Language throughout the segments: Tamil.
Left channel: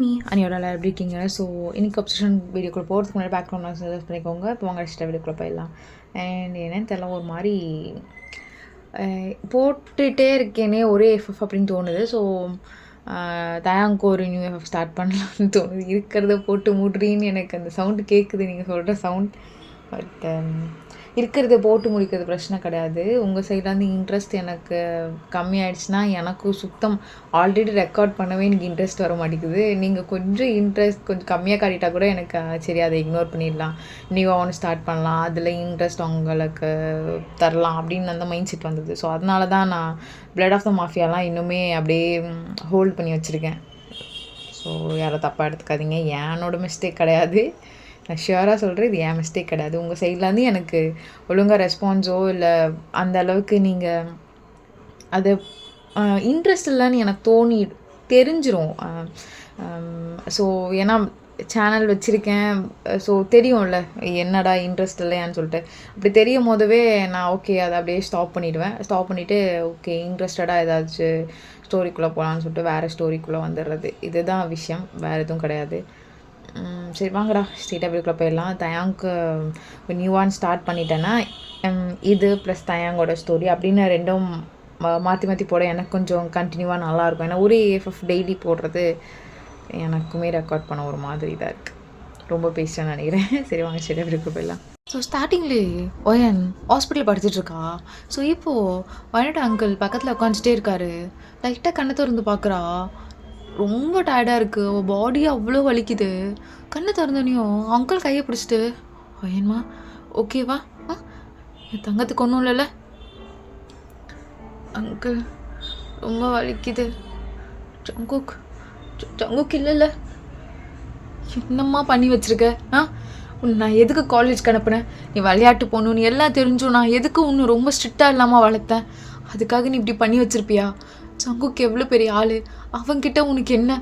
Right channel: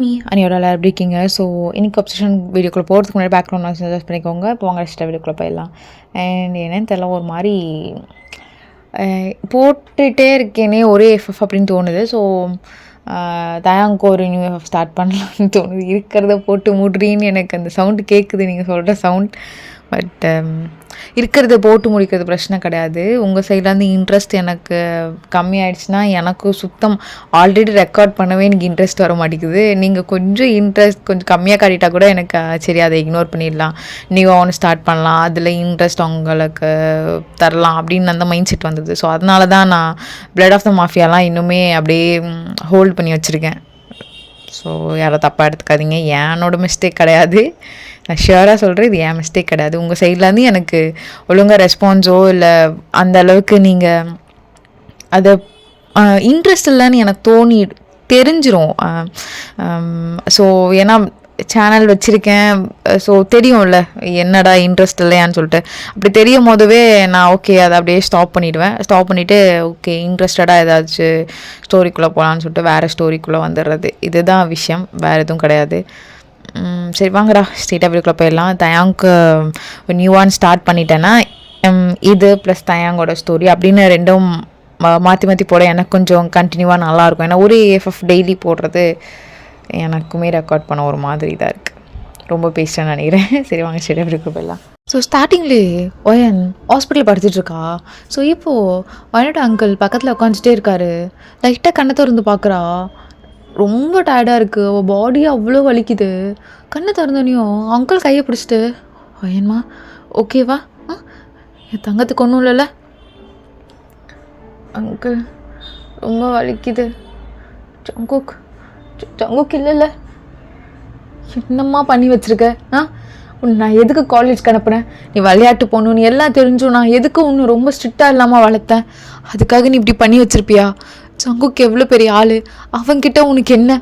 அனியோட எல்லாரும் எப்படி இருக்கீங்க? ஸோ இன்னைக்கு அப்சஷன் வீடியோக்குள்ள போகிறதுக்கு முன்னாடி பேக்ரவுண்ட் நாய்ஸ் அட்ஜஸ்ட் பண்ணிக்கோங்க. இப்போ வாங்க நெக்ஸ்ட் வீடியோக்குள்ள போயிடலாம். அண்ட் என்னன்னு தெரியல, ஒரு மாதிரி போட்டுகிட்டே இருக்கேனே ஒரே எஃப்எஃப் அப்படின்னு தோணுது. ஸோ தயாங்க்கு ஒரு நியூ எஃப்எஃப் ஸ்டார்ட் பண்ணலாம்னு தோணுது. இருக்கிறத போட்டு மூடுறீன்னு எனக்கு அந்த சவுண்டு கேட்குது, நீங்கள் சொல்கிற சவுண்ட். பட் இருக்கிறத போட்டு முடிக்கிறது பிரச்சனை கிடையாது. உங்கள் சைட்லேருந்து இன்ட்ரெஸ்ட் எனக்கு கம்மியாயிடுச்சுன்னா எனக்கும் சுத்தம் ஆல்ரெடி ரெக்கார்ட் பண்ணவே எனக்கு இன்ட்ரெஸ்ட் வர மாட்டேங்குது. நீங்கள் கொஞ்சம் இன்ட்ரெஸ்ட் கொஞ்சம் கம்மியாக காட்டிட்டா கூட எனக்கு சரி அதை இக்னோர் பண்ணிடலாம், நியூவாக ஒன்று ஸ்டார்ட் பண்ணலாம், அதில் இன்ட்ரெஸ்ட் அவங்களுக்கு தரலாம் அப்படின்னு அந்த மைண்ட் செட் வந்தது. ஸோ அதனால தான் நான் பிளட் ஆஃப் த மாஃபியாலாம் இன்னுமே அப்படியே ஹோல்ட் பண்ணி வச்சுருக்கேன். ஸோ யாரும் தப்பாக எடுத்துக்காதீங்க, என்னோட மிஸ்டேக் கிடையாது. நான் ஷியராக சொல்கிறேன், இது என் மிஸ்டேக் கிடையாது. உங்கள் சைட்லேருந்து எனக்கு ஒழுங்காக ரெஸ்பான்ஸோ இல்லை அந்த அளவுக்கு நீங்கள் அதை இன்ட்ரெஸ்ட் இல்லைன்னு எனக்கு தெரிஞ்சிரும். ஸோ ஏன்னா சேனல் வச்சுருக்கேன், ஸோ தெரியும்ல என்னடா இன்ட்ரெஸ்ட் இல்லையான்னு சொல்லிட்டு. அப்படி தெரியும் போதவே நான் ஓகே அதை அப்படியே ஸ்டாப் பண்ணிவிடுவேன். ஸ்டாப் பண்ணிவிட்டு ஓகே இன்ட்ரெஸ்டடாக ஏதாச்சும் ஸ்டோரிக்குள்ளே போகலான்னு சொல்லிட்டு வேறு ஸ்டோரிக்குள்ளே வந்துடுறது. இதுதான் விஷயம், வேறு எதுவும் கிடையாது. சரி வாங்கடா ஸ்ட்ரெயிட்டாக வீடியோக்குள்ளே போயிடலாம். தயாங்க்கு நியூவான் ஸ்டார்ட் பண்ணிட்டேன்னா இது ப்ளஸ் தயாங்கோட ஸ்டோரி அப்படின்னு ரெண்டும் மாற்றி மாற்றி போட எனக்கு கொஞ்சம் கண்டினியூவாக நல்லாயிருக்கும். ஏன்னா ஒரு எஃப்எஃப் டெய்லி போடுறது எனக்குமே ரெக்கார்ட் பண்ண ஒரு மாதிரி தான் இருக்குது. ரொம்ப பேசுகிறேன்னு நினைக்கிறேன். சரி வாங்க ஸ்ட்ரெயிட்டாக வீடியோக்குள்ளே போயிடலாம். ஸோ ஸ்டார்டிங்லேயே ஒயன் ஹாஸ்பிட்டல் படுத்துட்ருக்கா. ஸோ இப்போது ஒயனோட அங்கிள் பக்கத்தில் உட்காந்துட்டே இருக்காரு. லைட்டாக கண்ணை திறந்து பார்க்குறா. ரொம்ப டயர்டாக இருக்குது, அவள் பாடி அவ்வளோ வலிக்குது. கண்ணை திறந்தோனையும் அங்கிள் கையை பிடிச்சிட்டு ஒயன்மா ஓகேவா, என் தங்கத்துக்கு ஒன்றும் இல்லைல்ல அங்கிள், ரொம்ப வலிக்குது. ஜங்குக் இல்லைல்ல, என்னம்மா பண்ணி வச்சுருக்க? நான் எதுக்கு காலேஜ்க்கு அனுப்புனேன்? நீ விளையாட்டு போகணுன்னு எல்லாம் தெரிஞ்சும் நான் எதுக்கு ஒன்று ரொம்ப ஸ்ட்ரிக்டாக இல்லாமல் வளர்த்தேன்? அதுக்காக நீ இப்படி பண்ணி வச்சுருப்பியா? ஜங்குக்கு எவ்வளோ பெரிய ஆள், அவன்கிட்ட உனக்கு என்ன?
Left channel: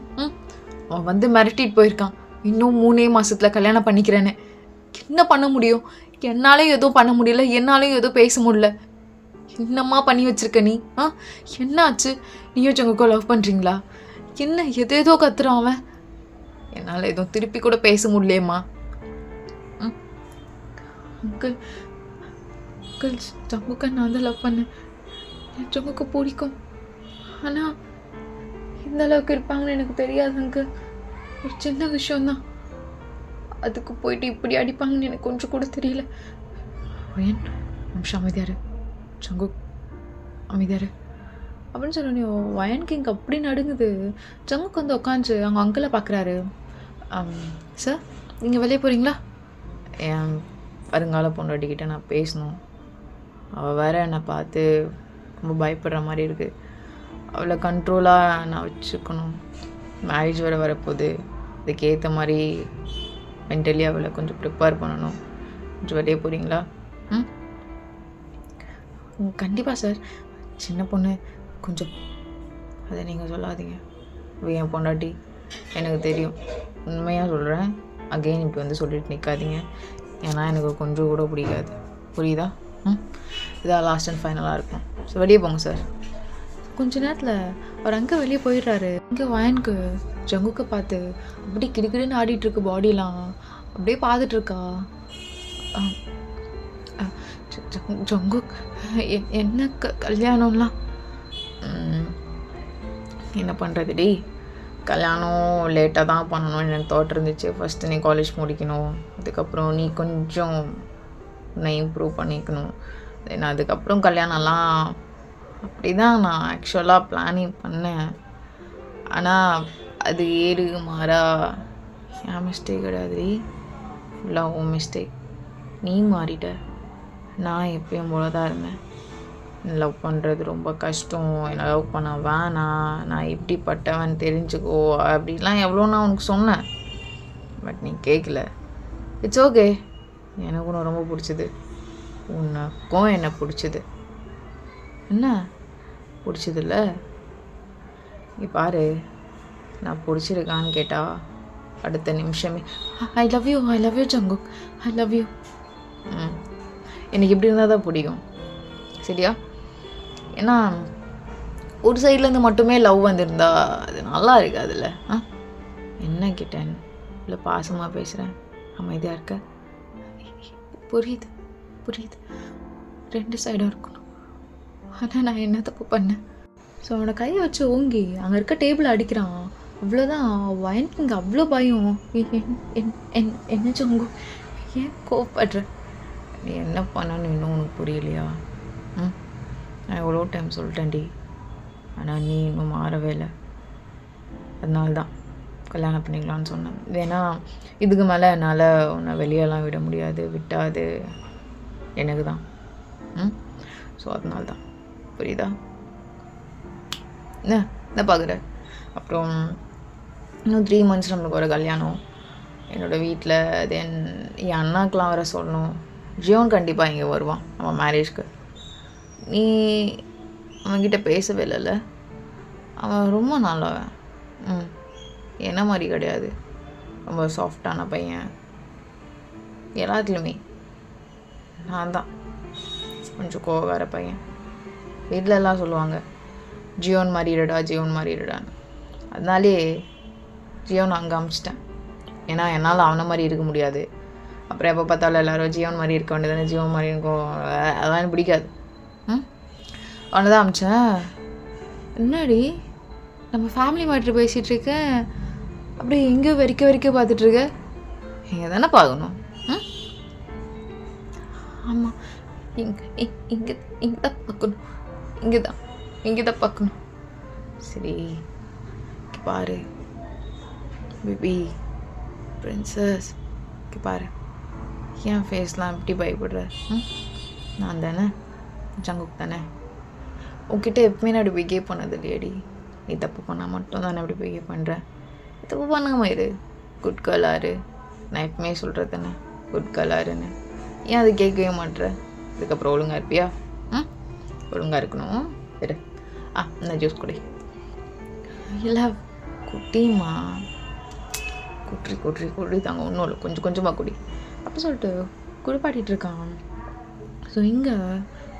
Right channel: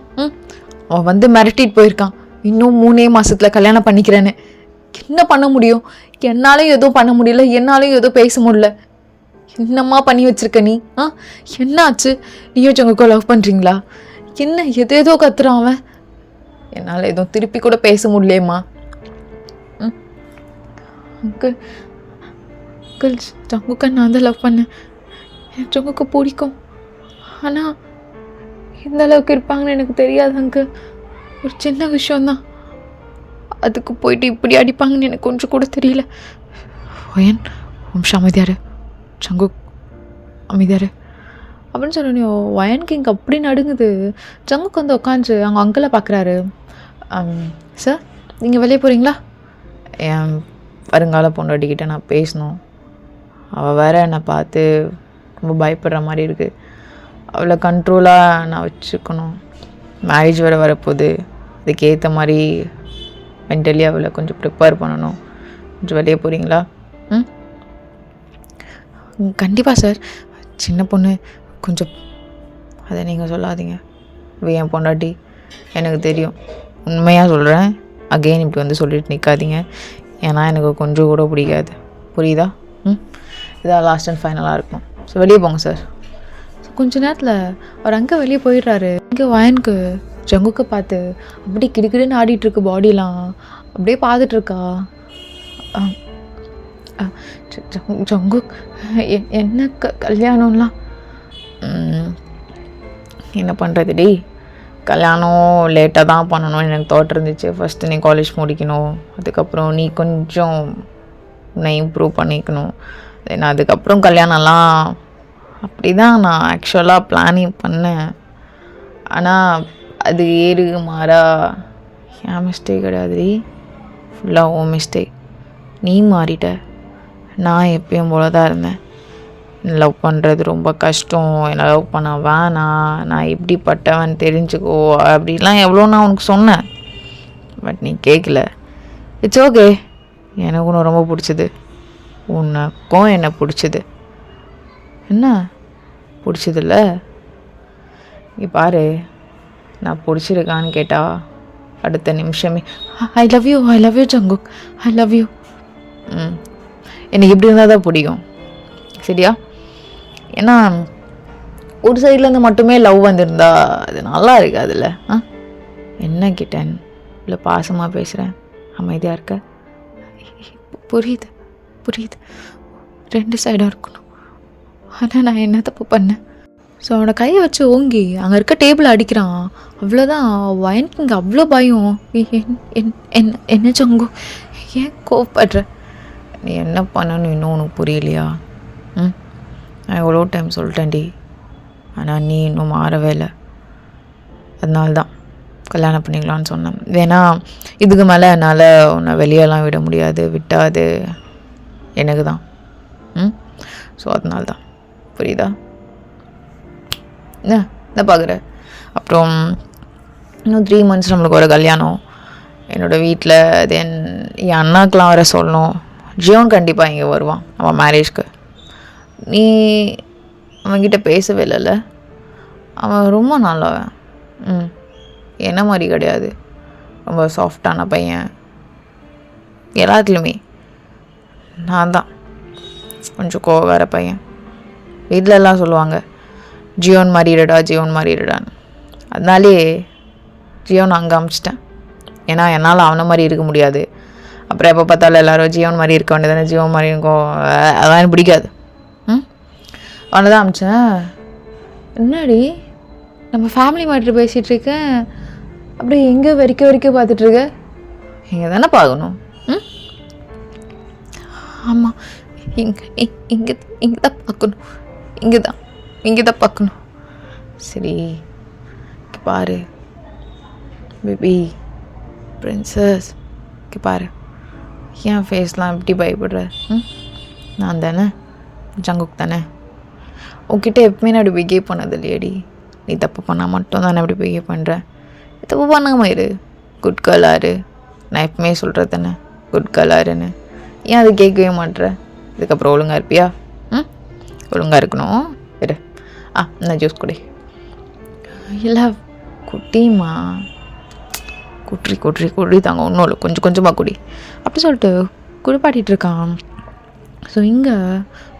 அவன் வந்து மிரட்டிட்டு போயிருக்கான், இன்னும் 3 மாதத்தில் கல்யாணம் பண்ணிக்கிறேன்னு. என்ன பண்ண முடியும்? என்னாலும் எதுவும் பண்ண முடியல, என்னாலும் எதுவும் பேச முடியல. என்னம்மா பண்ணி வச்சுருக்க நீ? என்ன ஆச்சு? நீயோ ஜங்குக்கோ லவ் பண்ணுறீங்களா? என்ன எதேதோ கத்துறான் அவன். என்னால் எதுவும் திருப்பி கூட பேச முடியலேம்மா. அங்கிள் அங்கிள், ஜங்குக்கை நான் தான் லவ் பண்ணேன், என் ஜங்குக்கு பிடிக்கும். ஆனால் எந்த அளவுக்கு இருப்பாங்கன்னு எனக்கு தெரியாது அங்கிள். ஒரு சின்ன விஷயந்தான், அதுக்கு போயிட்டு இப்படி அடிப்பாங்கன்னு எனக்கு கொஞ்சம் கூட தெரியல. ஒயன் வம்சம் அமைதியாரு, ஜங்குக் அமைதியாரு அப்படின்னு சொன்னோன்னே ஒயன் கிங் அப்படி நடுங்குது. ஜங்குக் வந்து உட்காந்து அவங்க அங்கிளை பார்க்குறாரு. சார் நீங்கள் வெளியே போகிறீங்களா? என் வருங்கால பொண்டாட்டிக்கிட்ட நான் பேசணும், அவள் வேற என்னை பார்த்து ரொம்ப பயப்படுற மாதிரி இருக்குது. அவளை கண்ட்ரோலாக நான் வச்சுக்கணும். மேரேஜ் வேறு வரப்போகுது, அதுக்கேற்ற மாதிரி மென்டலி அவளை கொஞ்சம் ப்ரிப்பேர் பண்ணணும். கொஞ்சம் வெளியே போகிறீங்களா? கண்டிப்பாக சார். சின்ன பொண்ணு கொஞ்சம் அதை நீங்கள் சொல்லாதீங்க. என் பொண்டாட்டி எனக்கு தெரியும், உண்மையாக சொல்கிறேன். அகெயின் இப்படி வந்து சொல்லிட்டு நிற்காதீங்க, ஏன்னா எனக்கு கொஞ்சம் கூட பிடிக்காது, புரியுதா? இதான் லாஸ்ட் அண்ட் ஃபைனலாக இருக்கும். ஸோ வெளியே போங்க சார். கொஞ்ச நேரத்தில் அவர் அங்கே வெளியே போயிடுறாரு. இங்கே வயனுக்கு ஜங்குக்கை பார்த்து அப்படி கிடுக்கிடுன்னு ஆடிட்டுருக்கு, பாடிலாம் அப்படியே பார்த்துட்ருக்கா. ஜங்குக் என்ன கல்யாணம்லாம் என்ன பண்ணுறது டி? கல்யாணம் லேட்டாக தான் பண்ணணும்னு எனக்கு தாட் இருந்துச்சு. ஃபஸ்ட்டு நீ காலேஜ் முடிக்கணும், அதுக்கப்புறம் நீ கொஞ்சம் உன்னை இம்ப்ரூவ் பண்ணிக்கணும், தென் அதுக்கப்புறம் கல்யாணம்லாம் அப்படி தான் நான் ஆக்சுவலாக பிளானிங் பண்ணேன். ஆனால் அது ஏறு மாறா என் மிஸ்டேக் கிடையாது, ஃபுல்லாக உன் மிஸ்டேக். நீ மாறிட்ட, நான் எப்பயும் போல தான் இருந்தேன். லவ் பண்ணுறது ரொம்ப கஷ்டம், என்னை லவ் பண்ண வேணாம், நான் எப்படிப்பட்டவன் தெரிஞ்சுக்கோ அப்படிலாம் எவ்வளோ நான் உனக்கு சொன்னேன். பட் நீ கேட்கல. இட்ஸ் ஓகே, எனக்கு ஒன்று ரொம்ப பிடிச்சது, உனக்கும் என்ன பிடிச்சது. என்ன பிடிச்சதில்ல? இங்கே பாரு, நான் பிடிச்சிருக்கான்னு கேட்டால் அடுத்த நிமிஷமே I love you Jungkook, I love you. எனக்கு இப்படி இருந்தால் தான் பிடிக்கும், சரியா? ஏன்னா ஒரு சைட்லேருந்து மட்டுமே லவ் வந்திருந்தா அது நல்லா இருக்காதுல்ல. என்ன கிட்டன் இல்லை பாசமாக பேசுகிறேன், அமைதியாக இருக்க? புரியுது புரியுது, 2 சைடாக இருக்கணும். ஆனால் நான் என்ன தப்பு பண்ணேன்? ஸோ அவனை கையை வச்சு ஓங்கி அங்கே இருக்க டேபிள் அடிக்கிறான். அவ்வளோதான். வயனுக்கு இங்கே அவ்வளோ பயம். என்ன சங்கு, ஏன் கோவப்படுற? நீ என்ன பண்ணணும் இன்னும் உனக்கு புரியலையா? நான் எவ்வளோ டைம் சொல்லிட்டேன்டி, ஆனால் நீ இன்னும் மாறவே இல்லை. அதனால்தான் கல்யாணம் பண்ணிக்கலான்னு சொன்னேன். ஏன்னா இதுக்கு மேலே என்னால் உன்னை வெளியெல்லாம் விட முடியாது, விட்டாது எனக்கு தான். ஸோ அதனால்தான், புரியுதா? என்ன பார்க்குற? அப்புறம் இன்னும் 3 months நம்மளுக்கு ஒரு கல்யாணம் என்னோடய வீட்டில். தென் என் அண்ணாக்கெலாம் வர சொல்லணும். ஜியோன் கண்டிப்பாக இங்கே வருவான் அவன் மேரேஜ்க்கு. நீ அவன்கிட்ட பேசவே இல்லைல்ல? அவன் ரொம்ப நல்லவன். என்ன மாதிரி கிடையாது, ரொம்ப சாஃப்டான பையன். எல்லாத்துலேயுமே நான் தான் கொஞ்சம் கோவக்கார பையன். வீட்டில் எல்லாம் சொல்லுவாங்க ஜியோன் மாறிடுடா ஜியோன் மாறிடுடான்னு. அதனாலே ஜியோன் அங்கே அமிச்சிட்டேன். ஏன்னா என்னால் அவனை மாதிரி இருக்க முடியாது. அப்புறம் எப்போ பார்த்தாலும் எல்லோரும் ஜியோன் மாதிரி இருக்க வேண்டியதானே, ஜியோன் மாதிரி இருக்கும், அதெல்லாம் எனக்கு பிடிக்காது. அவனை தான் அமிச்சேன். என்னடி நம்ம ஃபேமிலி மேட்ரு பேசிகிட்ருக்கேன், அப்படியே எங்கே வரைக்கும் பார்த்துட்ருக்க? இங்கே தானே பார்க்கணும். ஆமாம், இங்கே தான் பார்க்கணும், இங்கே தான் பார்க்கணும். சரி பாரு பேபி பிரின்சஸ், பாரு ஏன் ஃபேஸ்லாம் எப்படி பயப்படுற? நான் தானே, ஜங்குக் தானே. உன்கிட்ட எப்பவுமே நான் அப்படி பிஹேவ் பண்ணது இல்லையடி. நீ தப்பு பண்ணால் மட்டும் தானே அப்படி பிஹேவ் பண்ணுறேன். தப்பு பண்ணாமல் இரு, குட் கேர்ளாரு. நான் எப்பவுமே சொல்கிறது தானே குட் கேர்ளாருன்னு. ஏன் அது கேட்கவே மாட்டேற? இதுக்கப்புறம் ஒழுங்காக இருப்பியா? ஒழுங்காக இருக்கணும். இரு. நான் ஜூஸ் குடி. இல்லை குட்டிமா, குடி தாங்க, ஒன்றும் இல்லை, கொஞ்சமாக குடி அப்படி சொல்லிட்டு குடிப்பாட்டிகிட்டு இருக்கான். ஸோ இங்கே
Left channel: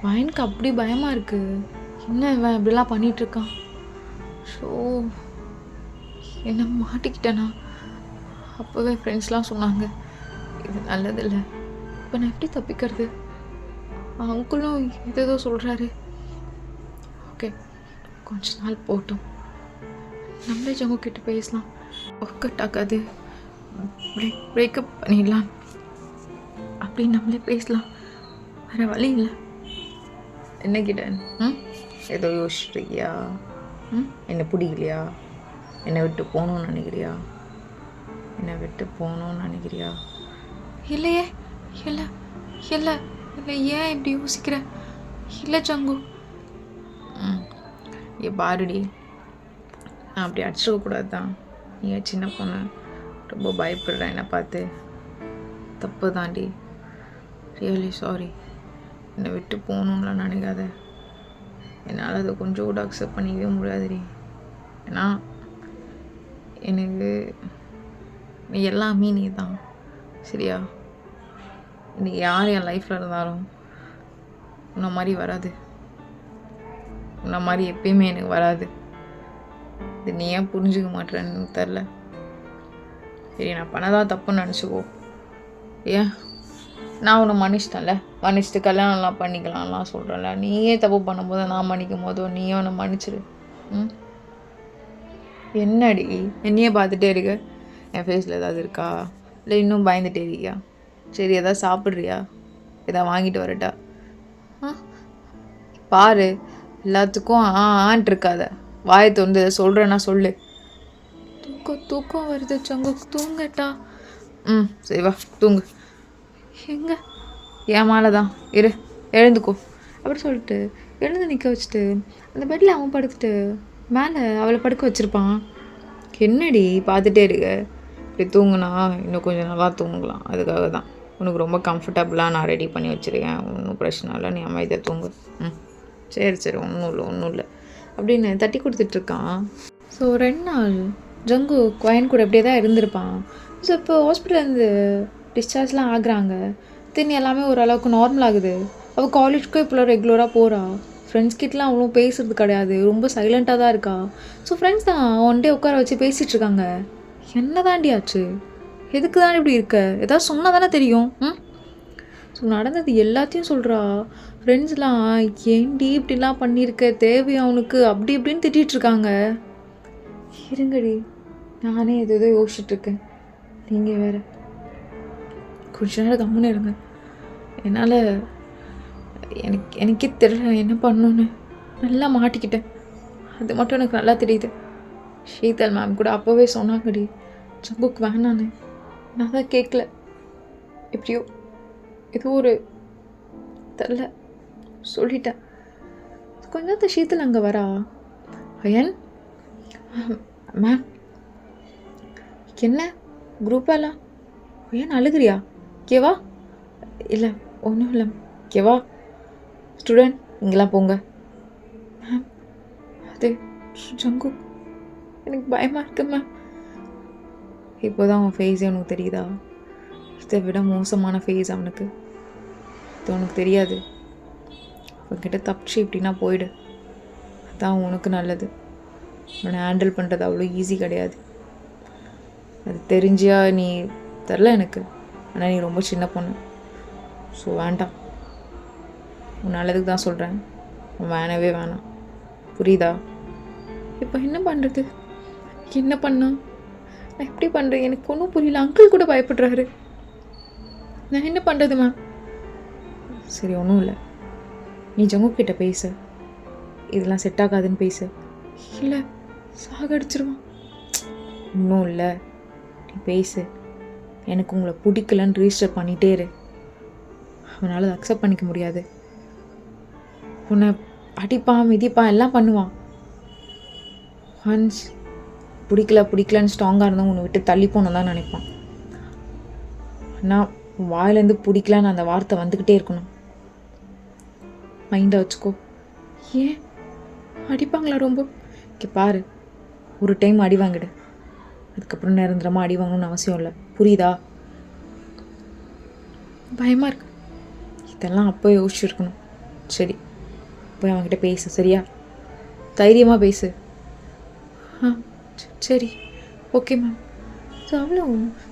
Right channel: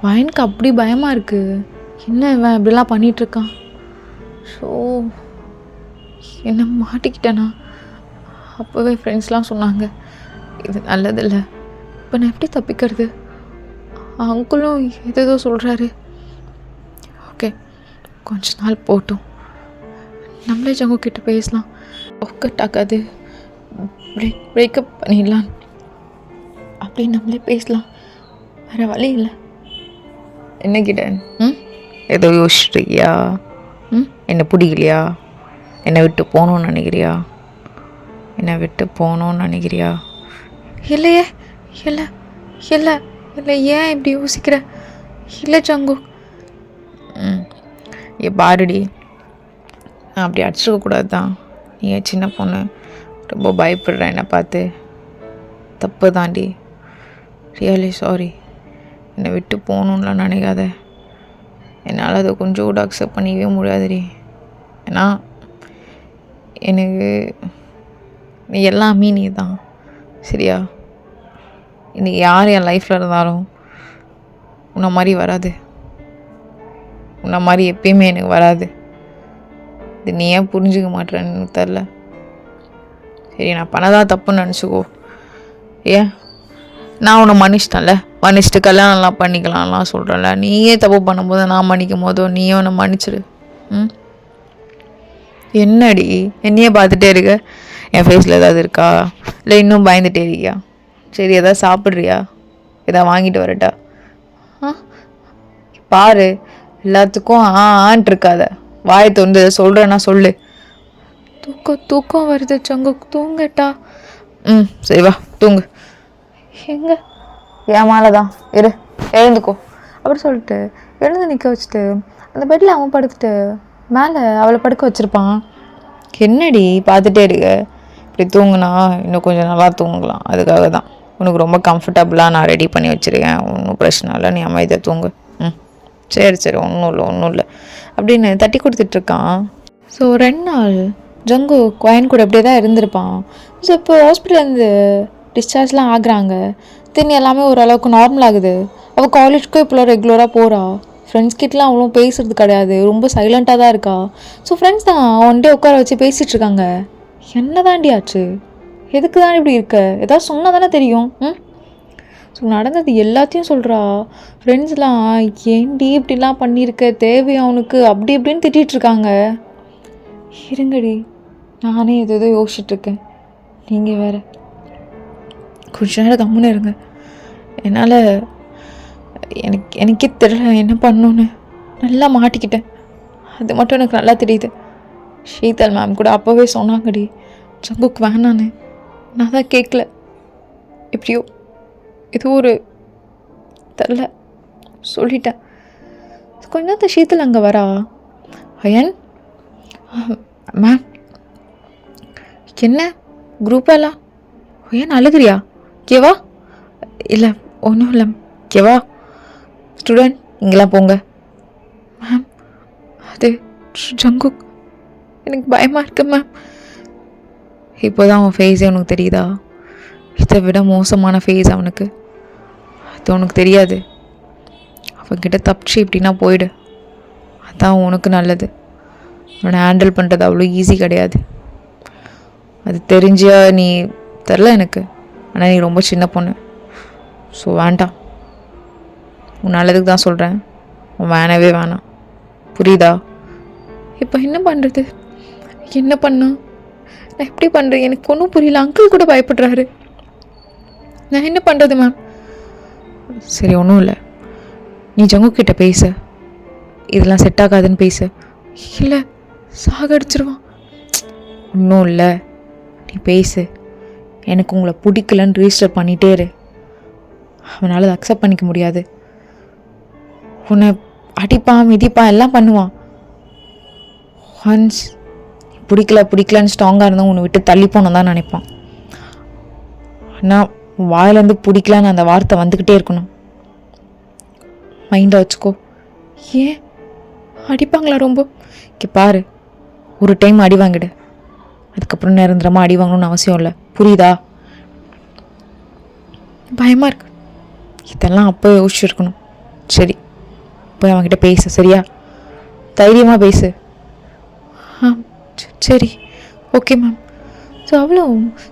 வயனுக்கு அப்படி பயமாக இருக்குது. என்ன இவன் இப்படிலாம் பண்ணிகிட்ருக்கான்? ஸோ என்ன மாட்டிக்கிட்டேனா? அப்போவே ஃப்ரெண்ட்ஸ்லாம் சொன்னாங்க இது நல்லதில்லை. இப்போ நான் எப்படி தப்பிக்கிறது? அங்குளும் ஏதேதோ சொல்கிறாரு. ஓகே, கொஞ்ச நாள் போட்டும், நம்மளே ஜங்கு கிட்ட பேசலாம். ஒர்க் ஆகாது, பிரேக்கப் பண்ணிடலாம், அப்படி நம்மளே பேசலாம். வேறு வழி இல்லை. என்ன கிட்ட ஏதோ யோசிச்சிருக்கியா? என்னை பிடிக்கலையா? என்னை விட்டு போகணுன்னு நினைக்கிறியா? இல்லையே, இல்லை, ஏன் இப்படி யோசிக்கிற? இல்லை ஜங்கு, பாருடி, நான் அப்படி அடிச்சிருக்கக்கூடாது தான். நீ சின்ன பொண்ணு, ரொம்ப பயப்படுற என்னை பார்த்து. தப்பு தாண்டி, ரியலி சாரி. என்னை விட்டு போகணுன்னுலாம் நினைக்காத. என்னால் அதை கொஞ்சம் கூட அக்செப்ட் பண்ணிக்கவே முடியாதுடி. ஏன்னா எனக்கு நீ எல்லாமே நீ தான், சரியா? இன்றைக்கி யார் என் லைஃப்பில் இருந்தாலும் உன்னை மாதிரி வராது, உன்னை மாதிரி எப்பயுமே எனக்கு வராது. இது நீ ஏன் புரிஞ்சுக்க மாட்டேறன்னு எனக்கு தெரில. சரி, நான் பண்ணதான் தப்புன்னு நினச்சிக்கோ. ஏன் நான் உன்னை மன்னிச்சிட்டு கல்யாணம்லாம் பண்ணிக்கலாம்லாம் சொல்கிறேன்ல. நீயே தப்பு பண்ணும்போது நான் மன்னிக்கும் போதோ நீயே உன்னை மன்னிச்சிடு. என்னடி என்னையே பார்த்துட்டே இருக்க? என் ஃபேஸில் ஏதாவது இருக்கா? இல்லை இன்னும் பயந்துட்டே இருக்கியா? சரி, எதாவது சாப்பிட்றியா? எதாவது வாங்கிட்டு வரட்டா? பாரு, எல்லாத்துக்கும் ஆன்ட்டு இருக்காத. வாயை திறந்து சொல்கிறேன்னா சொல்லு. தூக்கம் வருது சங்கு, தூங்கட்டா? சரி வா தூங்கு. எங்க? என் மேலே தான் இரு, எழுந்துக்கோ அப்படி சொல்லிட்டு எழுந்து நிற்க வச்சுட்டு அந்த பெட்டில் அவன் படுத்துட்டு மேலே அவளை படுக்க வச்சுருப்பான். என்னடி பார்த்துட்டே இருக்க? இப்படி தூங்குனா இன்னும் கொஞ்சம் நல்லா தூங்கலாம். அதுக்காக தான் உனக்கு ரொம்ப கம்ஃபர்டபுளாக நான் ரெடி பண்ணி வச்சுருக்கேன். ஒன்றும் பிரச்சனை இல்லை, நீ அமைதியாக தூங்கு. சரி, ஒன்றும் இல்லை அப்படின்னு தட்டி கொடுத்துட்ருக்கான். ஸோ 2 நாள் ஜங்கு குயின் கூட அப்படியே தான் இருந்திருப்பான். ஸோ இப்போ ஹாஸ்பிட்டல்லேருந்து டிஸ்சார்ஜ்லாம் ஆகுறாங்க. தென் எல்லாமே ஓரளவுக்கு நார்மல் ஆகுது. அவள் காலேஜ்க்கும் இப்போலாம் ரெகுலராக போகிறா. ஃப்ரெண்ட்ஸ் கிட்டலாம் அவ்வளோ பேசுறது கிடையாது, ரொம்ப சைலண்ட்டாக தான் இருக்கா. ஸோ ஃப்ரெண்ட்ஸ் தான் ஒன் டே உட்கார வச்சு பேசிகிட்ருக்காங்க. என்ன தாண்டி ஆச்சு? எதுக்கு தான் இப்படி இருக்க? ஏதாவது சொன்னால் தானே தெரியும். ஸோ நடந்தது எல்லாத்தையும் சொல்கிறா. ஃப்ரெண்ட்ஸ்லாம் ஏன்டி இப்படிலாம் பண்ணியிருக்க, தேவையா அவனுக்கு, அப்படி இப்படின்னு திட்டிகிட்ருக்காங்க. இருங்கடி, நானே எதோ யோசிச்சுட்ருக்கேன். நீங்கள் வேறு கொஞ்ச நேரம் கம்முன்னு இருங்க. என்னால் எனக்கே தெரியல என்ன பண்ணணுன்னு. நல்லா மாட்டிக்கிட்டேன், அது மட்டும் எனக்கு நல்லா தெரியுது. ஷீதல் மேம் கூட அப்போவே சொன்னாங்கடி ஜங்குக்கு வேணான்னு. நான் தான் கேட்கல. எப்படியோ ஏதோ ஒரு தெரில சொல்லிட்டேன். கொஞ்ச நேரத்தை ஷீதல் அங்கே வரா. அயன் மேம் என்ன குரூப்பெல்லாம் ஏன் அழுகிறியா? கேவா? இல்லை ஒன்றும் இல்லை கேவா. ஸ்டூடெண்ட் இங்கெல்லாம் போங்க. மேம் அது ஜங்குக், எனக்கு பயமாக இருக்கு மேம். இப்போ தான் அவன் ஃபேஸே உனக்கு தெரியுதா? இதை விட மோசமான ஃபேஸ் அவனுக்கு. அது உனக்கு தெரியாது. அவன்கிட்ட தப்பிச்சு எப்படின்னா போயிடு, அதுதான் உனக்கு நல்லது. அவனை ஹேண்டில் பண்ணுறது அவ்வளோ ஈஸி கிடையாது. அது தெரிஞ்சா நீ தெரில எனக்கு, ஆனால் நீ ரொம்ப சின்ன பொண்ணு. ஸோ வேண்டாம், உன் நல்லதுக்கு தான் சொல்கிறேன். உன் வேணவே வேணாம், புரியுதா? இப்போ என்ன பண்ணுறது? என்ன பண்ணும்? நான் எப்படி பண்ணுறேன்? எனக்கு ஒன்றும் புரியல. அங்கிள் கூட பயப்படுறாரு. நான் என்ன பண்ணுறது மேம்? சரி ஒன்றும் இல்லை, நீ ஜங்குக்கிட்ட பேச. இதெல்லாம் செட் ஆகாதுன்னு பேச. இல்லை சாகடிச்சிருவான். ஒன்றும் இல்லை, நீ பேசு. எனக்கு உங்களை பிடிக்கலன்னு ரிஜிஸ்டர் பண்ணிகிட்டே இரு. அவனால் அதை அக்செப்ட் பண்ணிக்க முடியாது. உன்னை அடிப்பான் மிதிப்பான் எல்லாம் பண்ணுவான். ஒன்ஸ் பிடிக்கலன்னு ஸ்ட்ராங்காக இருந்தால் உன்னை விட்டு தள்ளி போனோம் தான் நினைப்பான். ஆனால் வாயிலேருந்து பிடிக்கலன்னு அந்த வார்த்தை வந்துக்கிட்டே இருக்கணும். மைண்டாக வச்சுக்கோ. ஏன் அடிப்பாங்களா ரொம்ப? இங்கே பாரு, ஒரு டைம் அடி வாங்கிடு, அதுக்கப்புறம் நிரந்தரமாக அடி வாங்கணும்னு அவசியம் இல்லை, புரியுதா? பயமாக இருக்கு. இதெல்லாம் அப்போ யோசிச்சுருக்கணும். சரி போய் அவன்கிட்ட பேசு, சரியா? தைரியமாக பேசு. சரி ஓகே மேம். ஸோ அவ்வளோ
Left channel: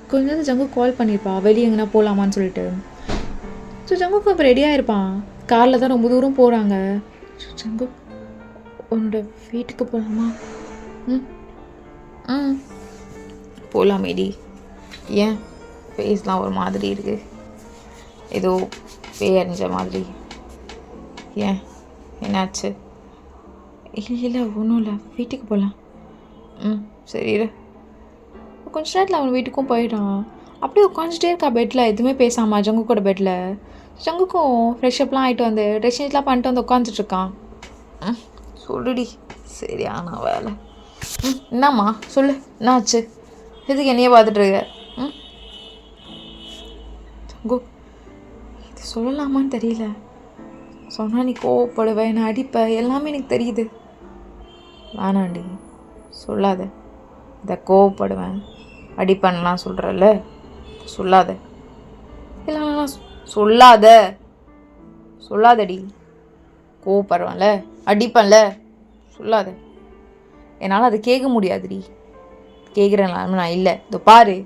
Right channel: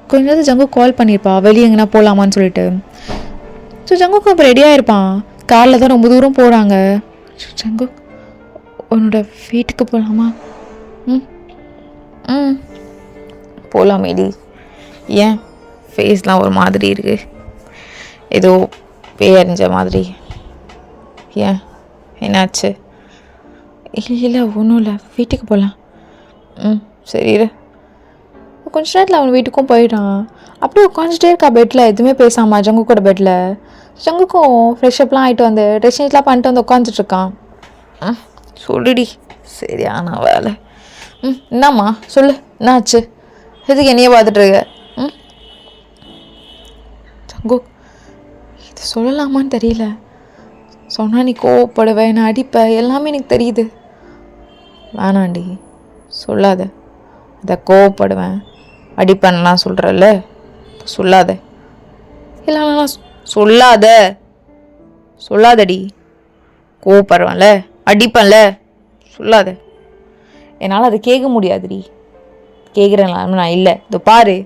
கொஞ்ச நேரத்தில் ஜங்கு கால் பண்ணியிருப்பா, வெளியே எங்கன்னா போகலாமான்னு சொல்லிட்டு. ஸோ ஜங்குக்கு அப்போ ரெடியாக இருப்பான். காரில் தான் ரொம்ப தூரம் போகிறாங்க. ஜங்கு உன்னோட வீட்டுக்கு போகலாமா? போகலாமேடி. ஏன் ஃபேஸ்லாம் ஒரு மாதிரி இருக்குது, ஏதோ பேயறிஞ்ச மாதிரி. ஏன் என்னாச்சு? இல்லை ஒன்றும் இல்லை, வீட்டுக்கு போகலாம். சரி இரு. கொஞ்ச நேரத்தில் அவன் வீட்டுக்கும் போயிட்டான். அப்படியே உட்காந்துட்டே இருக்கா பெட்டில், எதுவுமே பேசாமல் ஜங்கு கூட பெட்டில். ஜங்குக்கும் ஃப்ரெஷ்அப்லாம் ஆகிட்டு வந்து ட்ரெஸ்ஸிங்ஸ்லாம் பண்ணிட்டு வந்து உட்காந்துட்ருக்கான். சொல்லுடி, சரியான வேலை. என்னம்மா சொல்லு, என்னாச்சு? எதுக்கு என்னையே பார்த்துட்ருக்க? ஜங்கு இது சொல்லலாமான்னு தெரியல. சொன்னால் நீ கோவப்படுவேன், நான் அடிப்பேன், எல்லாமே எனக்கு தெரியுது. வேணாண்டி சொல்லாத. அதை கோவப்படுவேன் அடிப்பேன்லாம் சொல்கிறல்ல, சொல்லாத. இல்லைண்ணா சொல்லாதடி. கோவப்படுவேன்ல, அடிப்பேன்ல, சொல்லாத. என்னால் அதை கேட்க முடியாதுடி. கேட்குறேன் நான் இல்லை. இதோ பாரு,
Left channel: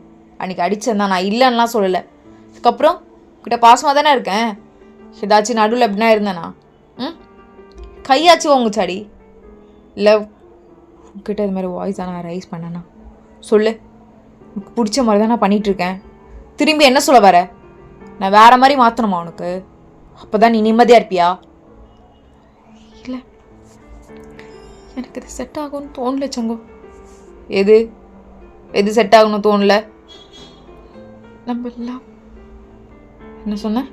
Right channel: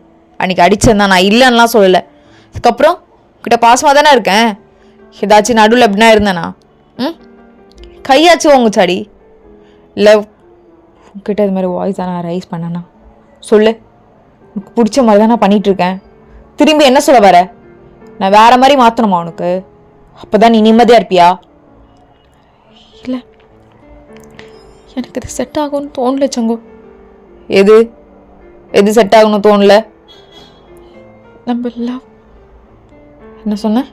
அன்றைக்கி அடித்தேன் நான் இல்லைன்னெலாம் சொல்லலை. அதுக்கப்புறம் கிட்ட பாசமாக தானே இருக்கேன். ஏதாச்சும் நடுவில் எப்படின்னா இருந்தேண்ணா கையாச்சும் உங்கச்சாடி இல்லை உங்ககிட்ட இது மாதிரி வாய்ஸ் தான் நான் ரைஸ் பண்ணேண்ணா. சொல்லு, உனக்கு பிடிச்ச மாதிரி தான் நான் பண்ணிகிட்ருக்கேன். திரும்பி என்ன சொல்ல வர? நான் வேறு மாதிரி மாற்றணுமா உனக்கு? அப்போ தான் நீ நிம்மதியாக இருப்பியா? இல்லை எனக்கு இது செட் ஆகும்னு தோணல சங்கு. எது செட் ஆகணும்னு தோணல? நம்ம லவ். என்ன சொன்ன?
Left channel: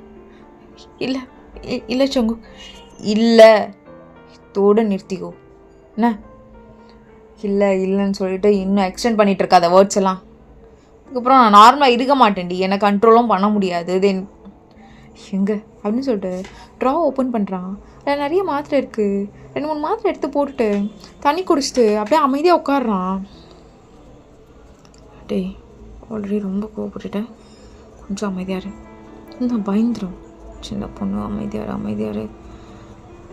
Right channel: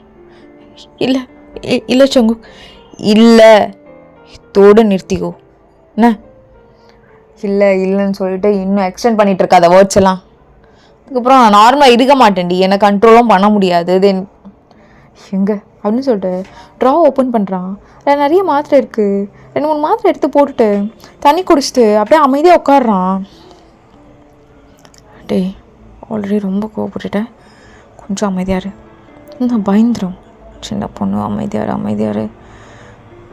இல்லை சங்கு, இல்லை தோடு நிறுத்திக்கோ. என்ன இல்லைன்னு சொல்லிட்டு இன்னும் எக்ஸ்டெண்ட் பண்ணிகிட்டு இருக்காத வேர்ட்ஸ் எல்லாம். அதுக்கப்புறம் நான் நார்மலாக இருக்க மாட்டேன்டி, என்னை கண்ட்ரோலும் பண்ண முடியாது. தென் எங்கே அப்படின்னு சொல்லிட்டு ட்ரா ஓப்பன் பண்ணுறான். அதில் நிறைய மாத்திரை இருக்குது. 2-3 மாத்திரை எடுத்து போட்டுட்டு தண்ணி குடிச்சிட்டு அப்படியே அமைதியாக உட்காடுறான். டேய் ஆல்ரெடி ரொம்ப கோவப்பட்டுட்டேன், கொஞ்சம் அமைதியாரு. நான் பயந்துடும். சின்ன பொண்ணு, அமைதியாரு.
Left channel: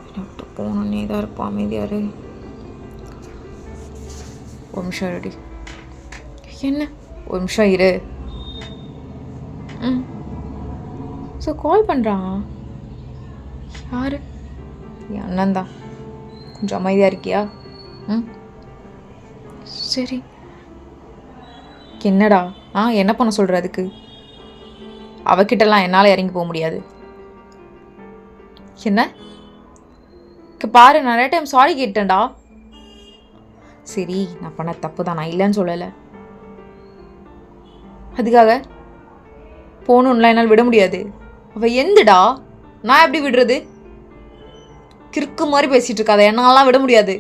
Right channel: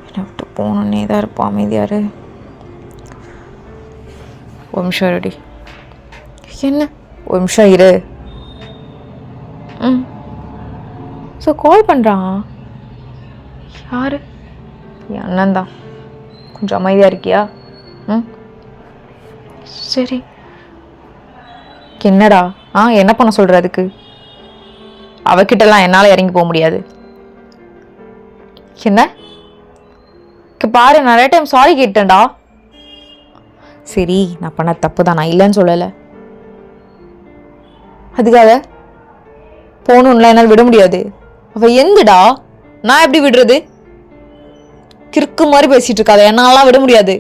என்னை விட்டு போனே தான் இருப்பான், அமைதியாரு. ஒரு நிமிஷம் ரெடி. என்ன ஒரு நிமிஷம் இரு. ம். ஸோ கால் பண்ணுறான். யார்? என் அண்ணன் தான். கொஞ்சம் அமைதியாக இருக்கியா? ம் சரி. என்னடா? என்ன பண்ண சொல்கிற? அதுக்கு அவகிட்டலாம் என்னால் இறங்கி போக முடியாது. என்ன பாரு, நிறைய டைம் சாரி கேட்டேன்டா. சரி, நான் பண்ண தப்பு தான், நான் இல்லைன்னு சொல்லலை. அதுக்காக போகணும்ல என்னால் விட முடியாது. அவள் எந்துடா, நான் எப்படி விடுறது? கிறுக்கு மாதிரி பேசிட்டு இருக்காத, என்னாலாம் விட முடியாது.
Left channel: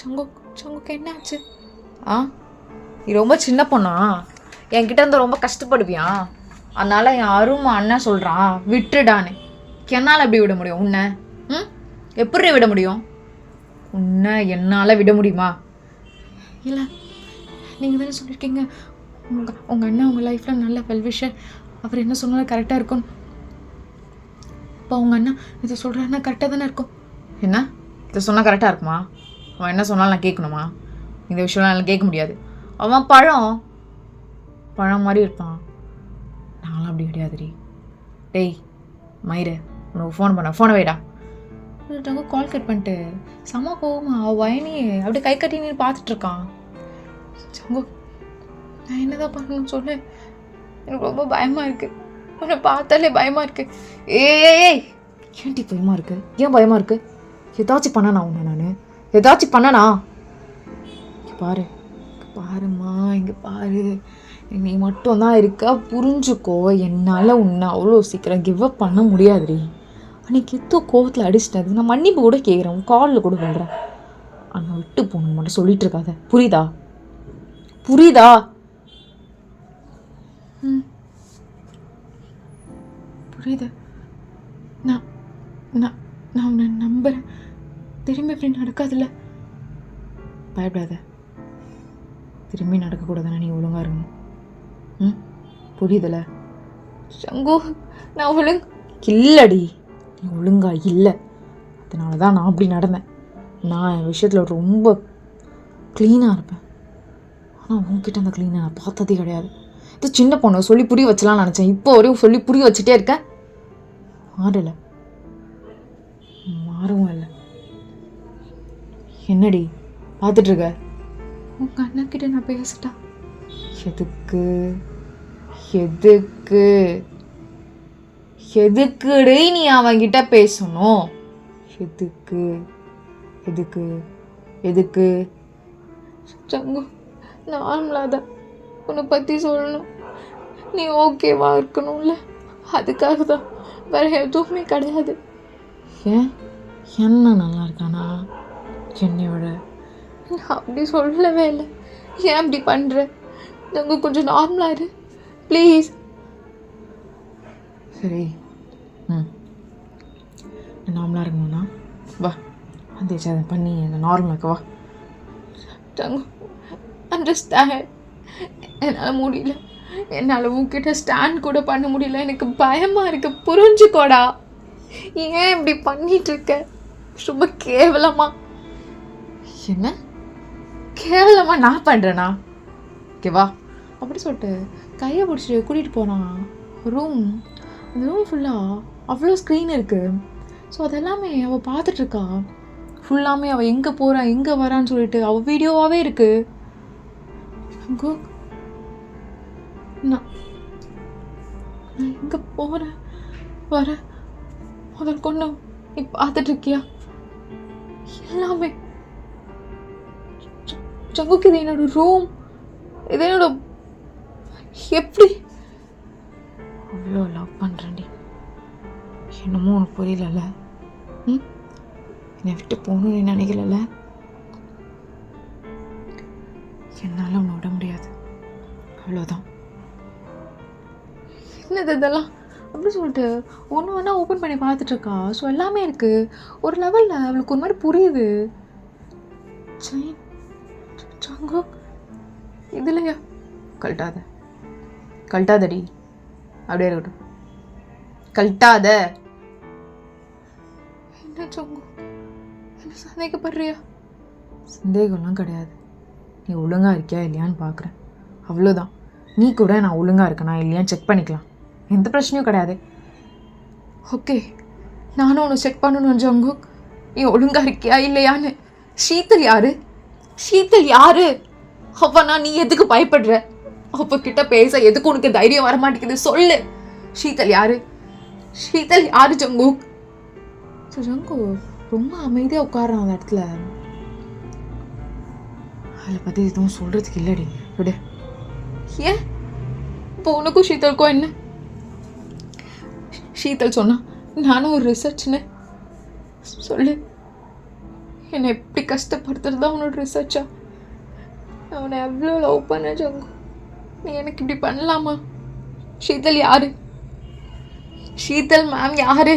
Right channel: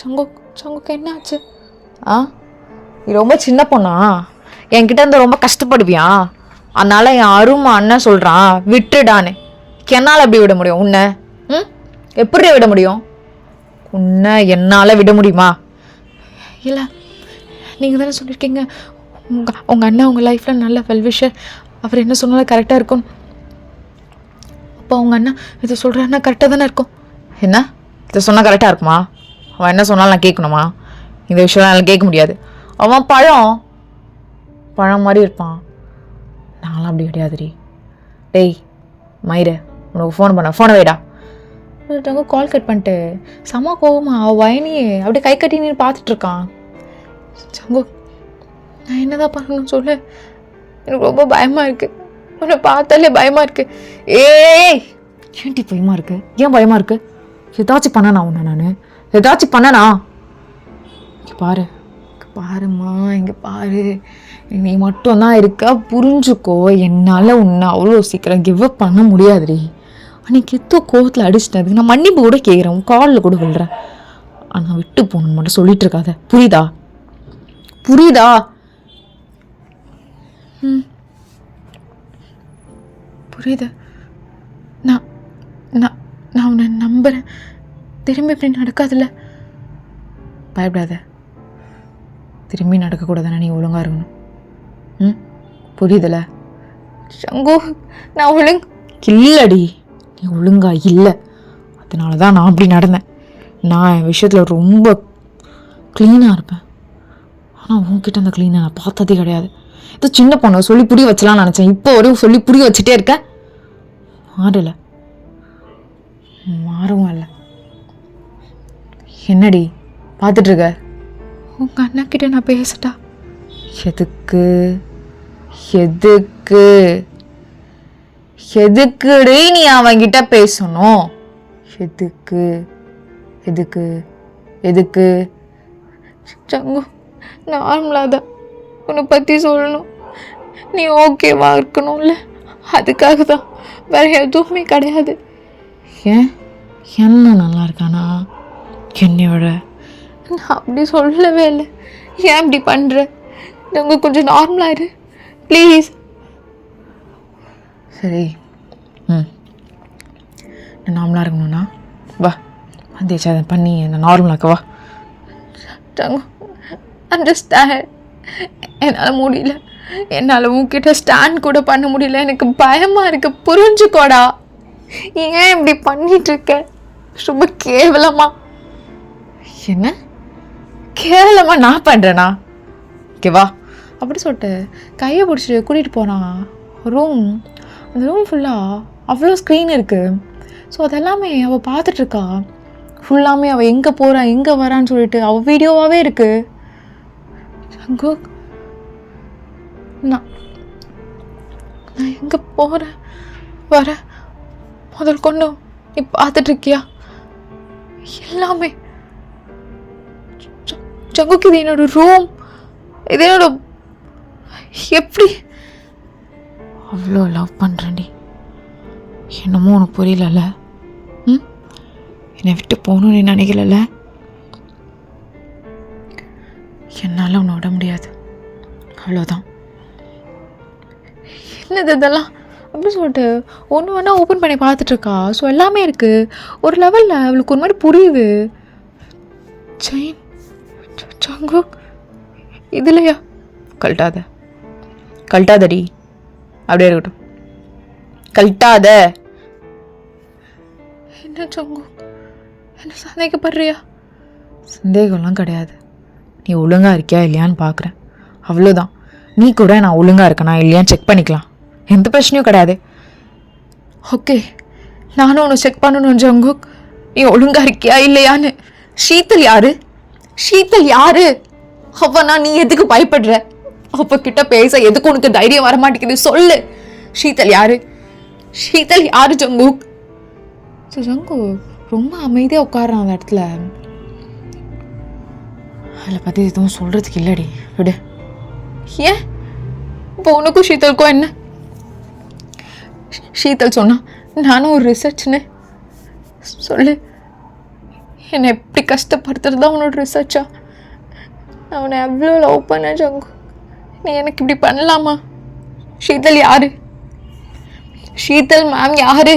சங்குக்கு என்ன ஆச்சு? நீ ரொம்ப சின்ன பொண்ணா? என்கிட்ட இருந்து ரொம்ப கஷ்டப்படுவியா? அதனால என் அருமை அண்ணன் சொல்கிறான் விட்டுடான்னு. என்னால் எப்படி விட முடியும் உன்னை? எப்படி விட முடியும் உன்னை? என்னால் விட முடியுமா? இல்லை, நீங்கள் தானே சொல்லியிருக்கீங்க உங்கள் அண்ணன் உங்கள் லைஃப்பில் நல்ல வெல்விஷர், அவர் என்ன சொன்னாலும் கரெக்டாக இருக்கும். அப்போ அவங்க அண்ணன் இதை சொல்கிறாருன்னா கரெக்டாக தானே இருக்கும். என்ன இதை சொன்னால் கரெக்டாக இருக்குமா? அவன் என்ன சொன்னாலும் நான் கேட்கணுமா? இந்த விஷயம் என்னால் கேட்க முடியாது. அவன் பழம் மாதிரி இருப்பான், நாங்களாம் அப்படி கிடையாதுடி. டேய் மயிறு, உனக்கு ஃபோனை வைடா. கால் கட் பண்ணிட்டு செம்ம கோவமா அவள் வயனியே அப்படியே கை கட்டி நீ பார்த்துட்ருக்கான். சங்கு, நான் என்னதான் பண்ணணும்னு சொல்லு, எனக்கு ரொம்ப பயமாக இருக்குது. உன்னை பார்த்தாலே பயமாக இருக்குது. ஏன்டி பயமாக இருக்கு? ஏன் பயமாக இருக்கு? ஏதாச்சும் பண்ணனா உன்னை? நான் ஏதாச்சும் பண்ணனா? பாருமா, இங்கே பாரு, நீ மட்டும்தான் இருக்கா, புரிஞ்சுக்கோ. என்னால் உன்னை அவ்வளோ சீக்கிரம் கிவ் அப் பண்ண முடியாதுடி. அன்றைக்கி எத்தோ கோவத்தில் அடிச்சிட்டது, நான் மன்னிப்பு கூட கேட்குறேன், உன் காலில் கூட விழுறேன். ஆனால் விட்டு போகணுன்னு மட்டும் சொல்லிட்டு இருக்காத, புரியுதா? புரியுது. நான் நான் நான் உன்னை நம்புகிறேன். திரும்பி இப்படி நடக்காதுல்ல? பயப்படாத. திரும்பி நடக்கக்கூடாதுன்னா நீ ஒழுங்காக இருக்கணும். புரியுதுல? சங்கு, நான் இல்லடி, நீ ஒழுங்கா இல்லை. அதனால தான் நான் அப்படி நடந்தேன். நான் என் விஷயத்தில் ரொம்ப க்ளீனாக இருப்பேன். ஆனால் உன்கிட்ட அந்த க்ளீனாக நான் பார்த்ததே கிடையாது. இது சின்ன பொண்ணு சொல்லி புரிய வச்சலாம்னு நினச்சேன். இப்போ வரையும் சொல்லி புரிய வச்சுட்டே இருக்கேன். மாறவும் இல்லை. என்னடி பார்த்துட்ருக்க? உங்கள் அண்ணாக்கிட்ட நான் பேசட்டா? எதுக்குடி நீ அவன்கிட்ட பேசணும்? எதுக்கு சங்கு, நார்மலாக உன்னை பற்றி சொல்லணும், நீ ஓகேவா இருக்கணும்ல, அதுக்காக தான், வேற எதுவுமே கிடையாது. ஏன் என்ன நல்லா இருக்கானா என்னையோட? நான் அப்படி சொல்லவே இல்லை. ஏன் இப்படி பண்ணுற? நாங்கள் கொஞ்சம் நார்மலாயிரு ப்ளீஸ். சரி, நான் நார்மலாக இருக்கணும்னா வா, அதை பண்ணி நான் நார்மலாக்க வா. அண்டர்ஸ்டாண்ட், என்னால் முடியல, என்னால் உன்கிட்ட ஸ்டாண்ட் கூட பண்ண முடியல, எனக்கு பயமாக இருக்கு, புரிஞ்சுக்கோடா. ஏன் இப்படி பண்ணிகிட்ருக்க? ரொம்ப கேவலமா. என்ன கேவலமா நான் பண்ணுறேனா? ஓகேவா அப்படி சொல்லிட்டு கையை பிடிச்சிட்டு கூட்டிகிட்டு போனான் ரூம். அந்த ரூம் ஃபுல்லாக அவ்வளோ ஸ்க்ரீன் இருக்குது. ஸோ அதெல்லாமே அவள் பார்த்துட்ருக்கா. ஃபுல்லாமே அவள் எங்கே போகிறா எங்கே வரான்னு சொல்லிட்டு அவள் வீடியோவாகவே இருக்குது. சங்கு, நான் எங்கே போகிறேன் வரேன் முதல் கொண்டு நீ பார்த்துட்ருக்கியா? எல்லாமே சங்குக்கு இது என்னோட ரூம், இது என்னோட. எப்படி அவ்வளோ லவ் பண்ணுறேன்டி, என்னமோ உனக்கு புரியலல்ல? என்னை விட்டு போகணும்னு நினைக்கல. என்னால் உன்னை விட முடியாது, அவ்வளோதான். என்னது இதெல்லாம் அப்படின்னு சொல்லிட்டு ஒன்று ஒன்றா ஓப்பன் பண்ணி பார்த்துட்ருக்கா. ஸோ எல்லாமே இருக்குது. ஒரு லெவலில் அவளுக்கு ஒரு மாதிரி புரியுது. செயின் சங்கு இதுலையா? கழட்டாதடி, அப்படியே இருக்கட்டும், கழட்டாத. என்ன சங்கு, என்ன சந்தேகப்படுறியா? சந்தேகம்லாம் கிடையாது, நீ ஒழுங்காக இருக்கியா இல்லையான்னு பார்க்குறேன், அவ்வளோதான். நீ கூட நான் ஒழுங்காக இருக்கேனா இல்லையான்னு செக் பண்ணிக்கலாம், எந்த பிரச்சனையும் கிடையாது. ஓகே, நானும் ஒன்று செக் பண்ணணும் ஜங்குக், நீ ஒழுங்காக இருக்கியா இல்லையான்னு. ஷீத்தல் யாரு? ஷீத்தல் யாரு? அவனா நீ எதுக்கு பயப்படுற? அவ கிட்ட பேச எதுக்கு உனக்கு தைரியம் வர மாட்டேங்குது? சொல்லு, ஷீத்தல் யாரு? ஷீத்தல் யாரு ஜங்குக்? ஜங்கு ரொம்ப அமைதியாக உட்காரான் அந்த இடத்துல. அதில் பற்றி எதுவும் சொல்கிறதுக்கு இல்லடி, விடு. ஏன் இப்போ உனக்கும் ஷீத்தலுக்கும் என்ன? ஷீத்தல் சொன்னா நானும் ஒரு ரிசர்ச்னு சொல்லு. என்னை எப்படி கஷ்டப்படுத்துறது தான் உன்னோட ரிசர்ச்சா? அவனை எவ்வளோ லவ் பண்ண ஜங்கு, நீ எனக்கு இப்படி பண்ணலாமா? ஷீத்தல் யாரு? ஷீத்தல் மேம் யாரு?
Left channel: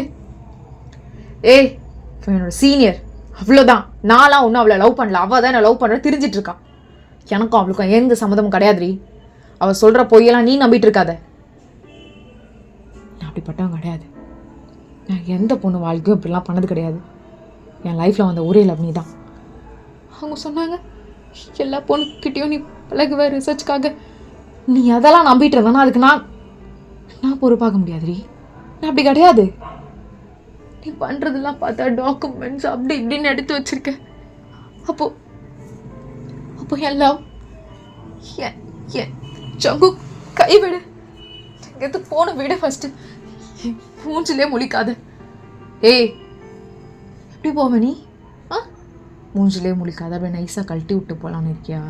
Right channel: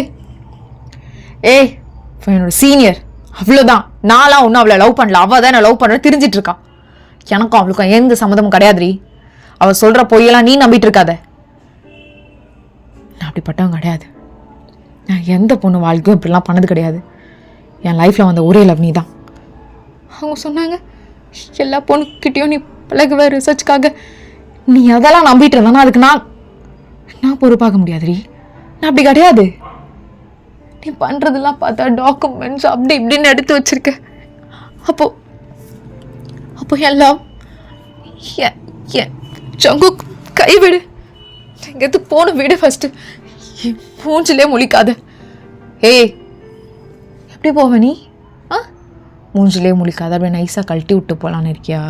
ஏய், என்னோட சீனியர், அவ்வளோதான். நான்லாம் ஒன்றும் அவளை லவ் பண்ணல, அவள் தான் நான் லவ் பண்ணுறேன் தெரிஞ்சிட்டு இருக்கான். எனக்கும் அவளுக்கும் எந்த சம்மதமும் கிடையாதுரி. அவள் சொல்கிற பொய்யெல்லாம் நீ நம்பிட்டு இருக்காத. நான் அப்படிப்பட்டவன் கிடையாது. நான் எந்த பொண்ணு வாழ்க்கையும் இப்படிலாம் பண்ணது கிடையாது. என் லைஃப்பில் வந்த ஒரே லவ் நீ தான். அவங்க சொன்னாங்க எல்லா பொண்ணுக்கிட்டையும் நீ பழகுவ ரிசர்ச்சுக்காக. நீ அதெல்லாம் நம்பிட்டு இருந்தானா அதுக்கு நான் பொறுப்பாக முடியாதுரி. நான் அப்படி கிடையாது. நீ பண்ணுறதெல்லாம் பார்த்தா டாக்குமெண்ட்ஸ் அப்படி இப்படின்னு எடுத்து வச்சிருக்க. அப்போ எல்லாம் ஜங்கு கைவிடு. எங்கேயாவது போன விடு ஃபஸ்ட்டு. மூஞ்சிலே முழிக்காத. ஏய், எப்படி போவ நீ? மூஞ்சிலே முழிக்காத, அப்படியே நைஸாக கழட்டி விட்டு போகலான்னு இருக்கியா?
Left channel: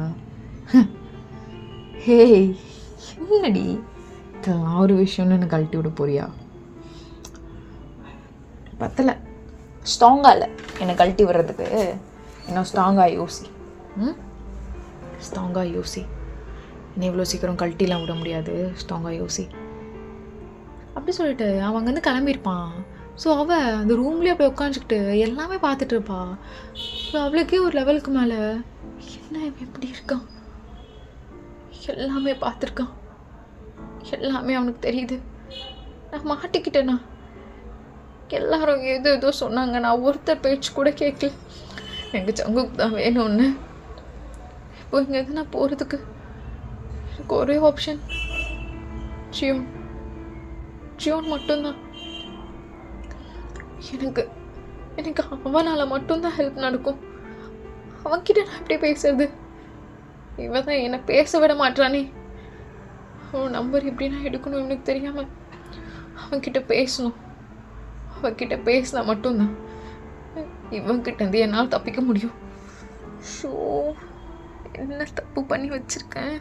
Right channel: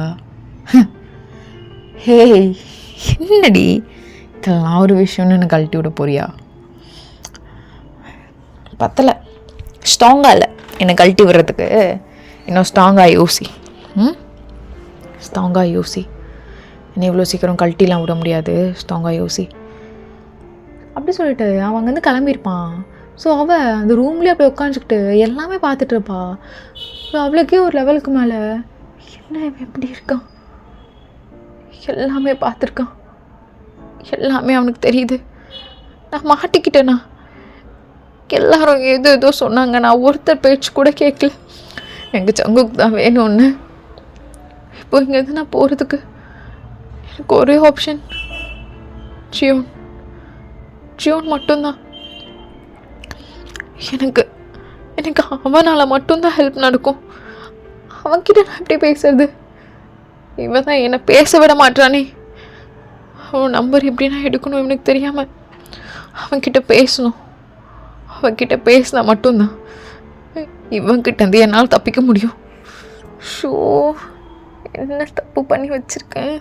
ஹேய், என்னடி இதெல்லாம் ஒரு விஷயம்னு எனக்கு கழட்டி விட போறியா? பத்தலை, ஸ்ட்ராங்காக இல்லை என்னை கழட்டி விடுறதுக்கு. இன்னும் ஸ்ட்ராங்காக யோசி. ஸ்ட்ராங்காக யோசி. என்னை இவ்வளோ சீக்கிரம் கழட்டிலாம் விட முடியாது. ஸ்ட்ராங்காக யோசி. அப்படி சொல்லிட்டு அவன் அங்கேருந்து கிளம்பியிருப்பான். ஸோ அவள் அந்த ரூம்லேயே அப்படியே உட்காந்துக்கிட்டு எல்லாமே பார்த்துட்டு இருப்பா. ஸோ அவளுக்கே ஒரு லெவலுக்கு மேலே என்ன இவன் எப்படி இருக்கான், எல்லாமே பார்த்துருக்கான், எல்லாமே அவனுக்கு தெரியுது. நான் மாட்டிக்கிட்டேனா? எல்லாரும் ஏதோ சொன்னாங்க, நான் ஒருத்தர் பேச்சு கூட கேட்கல. எங்கள் ஜங்குக்கு தான் வேணும்னு. இப்போ இங்கேருந்து நான் போகிறதுக்கு எனக்கு ஒரே ஆப்ஷன் ஜியோன் மட்டும்தான். எனக்கு அவனால் மட்டும்தான் ஹெல்ப் நடக்கும். அவன்கிட்ட நான் எப்படி பேசுறது? இவன் தான் என்னை பேச விட மாட்டானே. அவன் நம்பர் எப்படி நான் எடுக்கணும் இவனுக்கு தெரியாமல். அவன்கிட்ட பேசணும். அவன்கிட்ட பேசினா மட்டும்தான் இவன்கிட்ட இருந்து என்னால் தப்பிக்க முடியும். ஷோ, என்ன தப்பு பண்ணி வச்சுருக்கேன்.